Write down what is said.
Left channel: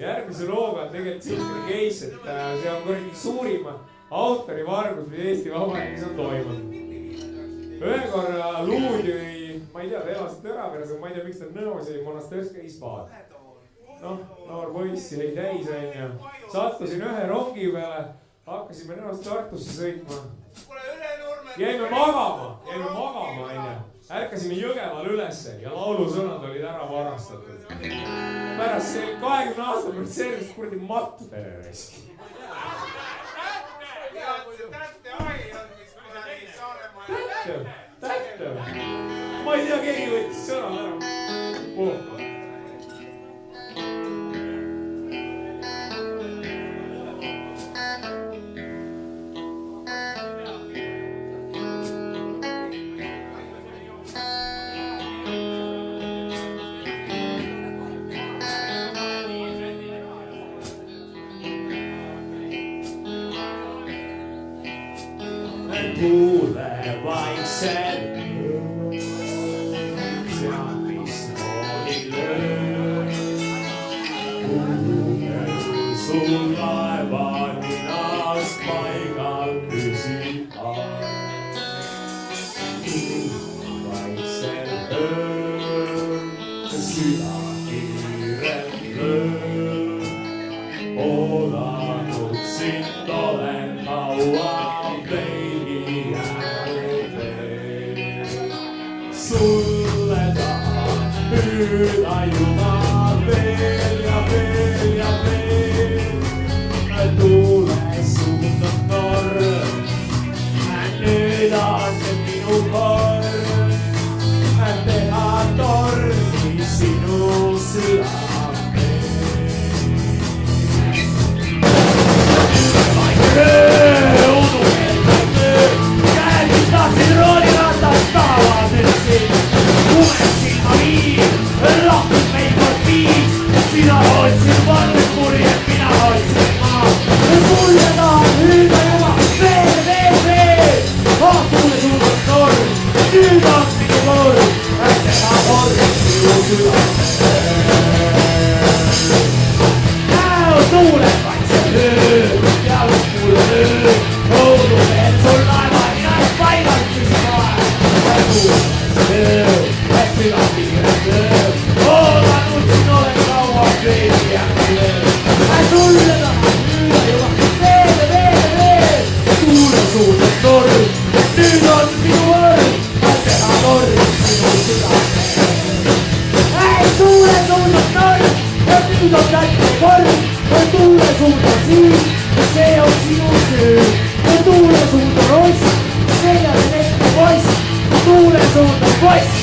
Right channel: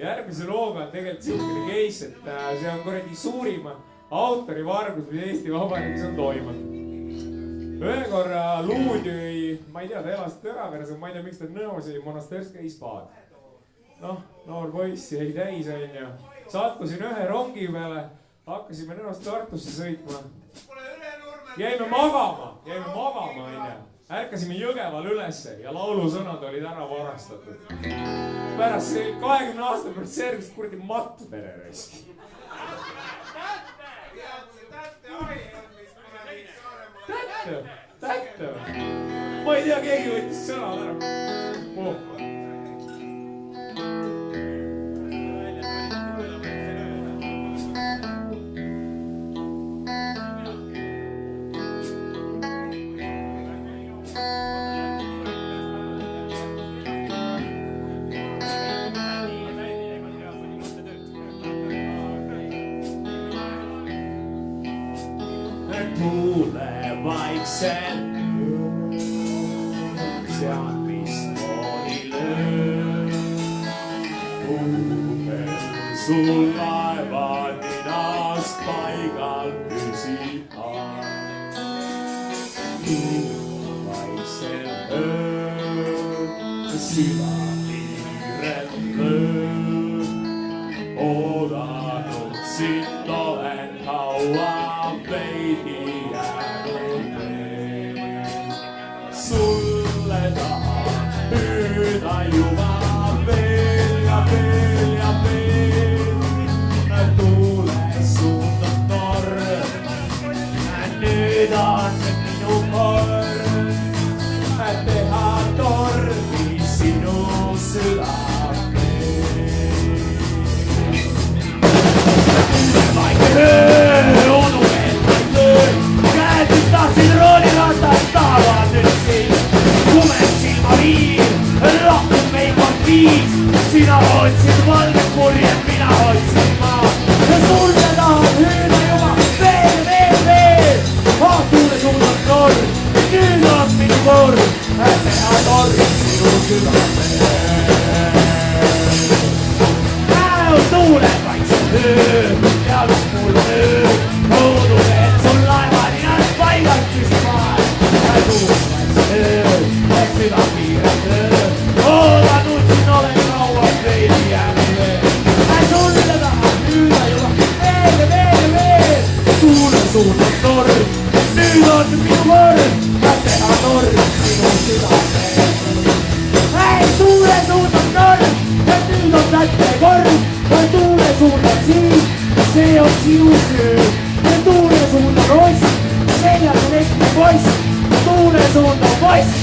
järgmise looga on tegelikult siukene case, et see on kuradi suurima autorivargus, mis Eesti Vabariigis on toimunud. Ühe korra luud jõi, ma ei tea, ta elas Tõraveres, ma ei tea, miks ta Nõos jäi Monasterska ispaad. Noh, noor poiss jäi täis, onju. Sattusin ühe rongi peale, hakkasime Nõost Tartusse sõitma. Jäime magama, onju. Ärkasime Jõgeval ülesse ja laulusõnad olid ära varastatud. Pärast see 20 aasta pärast selgust kuradi mattu perereski. Tätte. Ma ei tea, keegi võttis sõnad ära. Tuule vaikselt seal mismoodi löö. Kuhel sul laeva ninast paigal püsib aeg. Tuul vaikselt öö, süda kiirelt löö. Oodanud sind olen kaua veidi. Sulle tahan püüda juba veel ja veel ja veel. Tuules suundan torm, nüüd on minu kord teha tormi sinu südamel. Vaike öö, udu veel vaik öö, käed mis tahtsid rooliratast tahavad nüüd siin. Kumed silmaviir, lahkud meil kord viis. Sina otsid valget purjed, mina otsin maad. Sulle tahan hüüda juba veel. Tuule suundan torm, nüüd on minu kord teha torm sinu südamel. Tuuled vaikse öö, jalus mul on öö. Õudu veel sul laeva ninast paigalt püsib aeg. Tuuled vaikse öö, süda kiirelt öö. Oodanud siin olen kaua veidi jäänud veel. Sulle tahan hüüda juba veel. Tuule suundan torm, nüüd on minu kord teha torm sinu südamel. Tuule suundan torm, nüüd on kätte kord. Tuule suundan siin, see on sinu süü. Tuule suundan oss, seljas on ette poiss. Tuule suundan poiss.